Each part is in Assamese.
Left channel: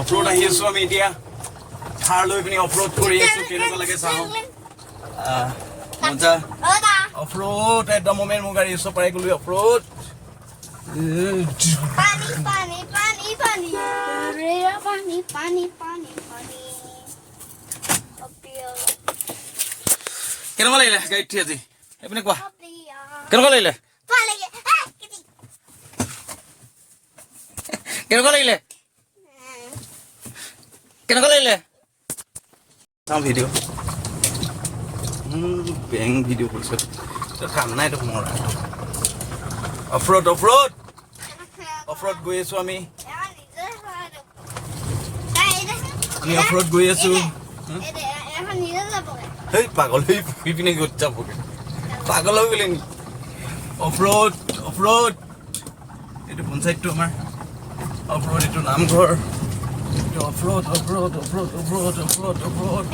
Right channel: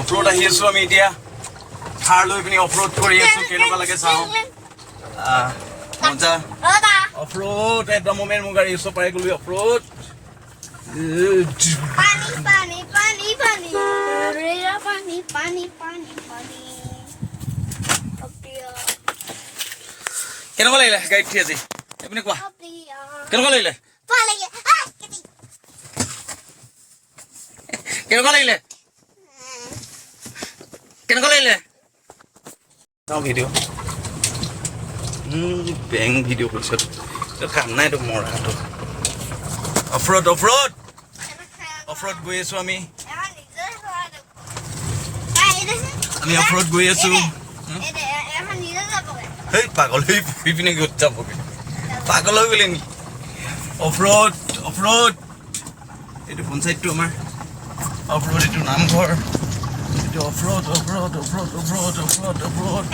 অফৰোড আহি আছো আমি এতিয়া থাৰ লৈ পিনি অফৰোড কৰি আছো কেনেকুৱা লাগে চাওঁ মজা অফৰোড একদম মোমেন মোৰ গাড়ী ওচৰ পাই গ'লো অফৰোড কেনেকুৱা লাগিলে গাড়ীত উঠি আজি আপুনি কোৱা কেনেকুৱা লাগিলে কেনেকুৱা লাগিলে কেনেকুৱা লাগিলে চাওঁ ভিডিঅ' বেং ভিডিঅ' কৰিছোঁ কাম নাই তোক মৰাটো অফৰোড অফৰোড অফৰোড গৈ আছো আমি অফৰোড গৈ আছো সেই পাগল হৈ ফুৰি পিনে গৈ যাবগৈ পাগল হৈ গ'লে নেকি অফৰোড অফৰোড এইটো পঞ্চায়তটো আমাৰ অফৰোড এইটো নামঘৰ এইটো off-road off-road off-road off-road off-road off-road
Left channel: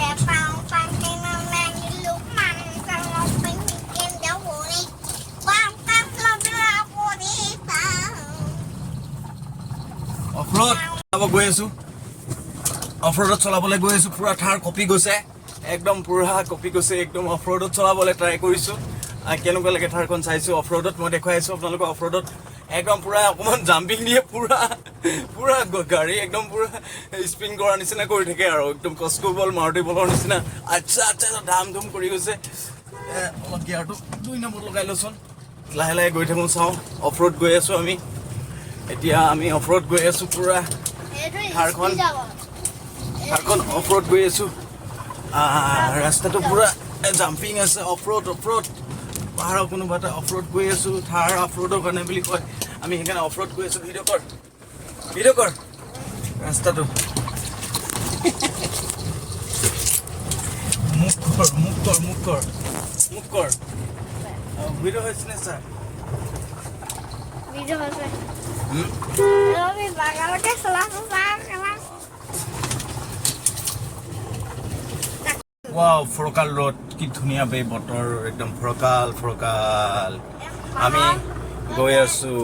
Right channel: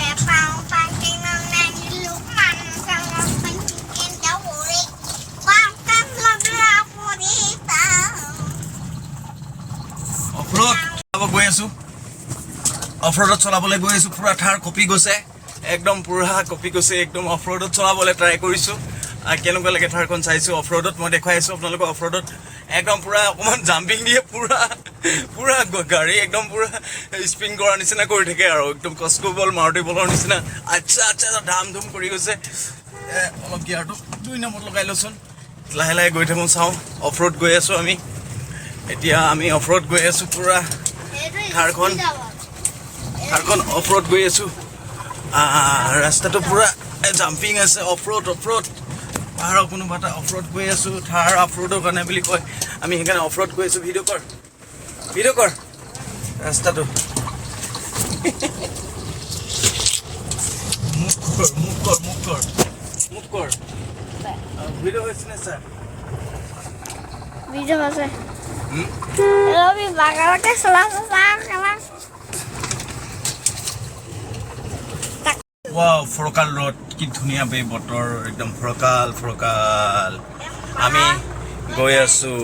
off-road চলাব গৈ আছো অফৰোডত চলাবলৈ গৈ আছো পুৰা থাৰ কপি গৈছে একদম পুৰা কপি গৈছে একদম অফৰোডত চলাবলৈ ট্ৰাই কৰিছোঁ কেনেকুৱা লাগে থাৰখন চাইছোঁ অফৰোডত মই দেখুৱাই আছোঁ আপোনালোকক অফৰোডত একদম পুৰা অকণমান জাম্পিং দিয়ে পুৰা গাড়ী একদম পুৰা স্পিন কৰাৰ নিচিনা কৰি থাকে আৰু একদম কস্কো বল মাৰুতি বলৰ নিচিনা আচ্ছা আচ্ছা ধাম ধুম কৰি গৈছে অলপ গিয়াৰটো 2 নম্বৰত লগাই লওঁচোন লাহে লাহে গৈ থাকোঁ চাওঁ অফৰোড গৈ আছোঁ আমি এতিয়া আমি অফৰোড গৈ আছোঁ পুৰা থাৰখন অফৰোড গৈ আছোঁ ৰাস্তাটো পুৰা জাম্পিং আছে অফৰোড অফৰোড পাহাৰৰ কোনোবা এটা অফৰোড গৈ আছোঁ থাৰ অফৰোডৰ কাৰণে বুলি কয় আমি সেইকাৰণে অফৰোড গৈ আছোঁ ভিডিঅ' কৰ ৰাস্তাটো মুখ কৰ ভিডিঅ' হৈছে নে ছাৰ ভিডিঅ' আছে ৰবি বাগানতে চলাইছে ৱাও ফৰকাল ৰোড কি ধুনীয়া বে বতৰ একদম ফৰকাল আমি গৈ আছোঁ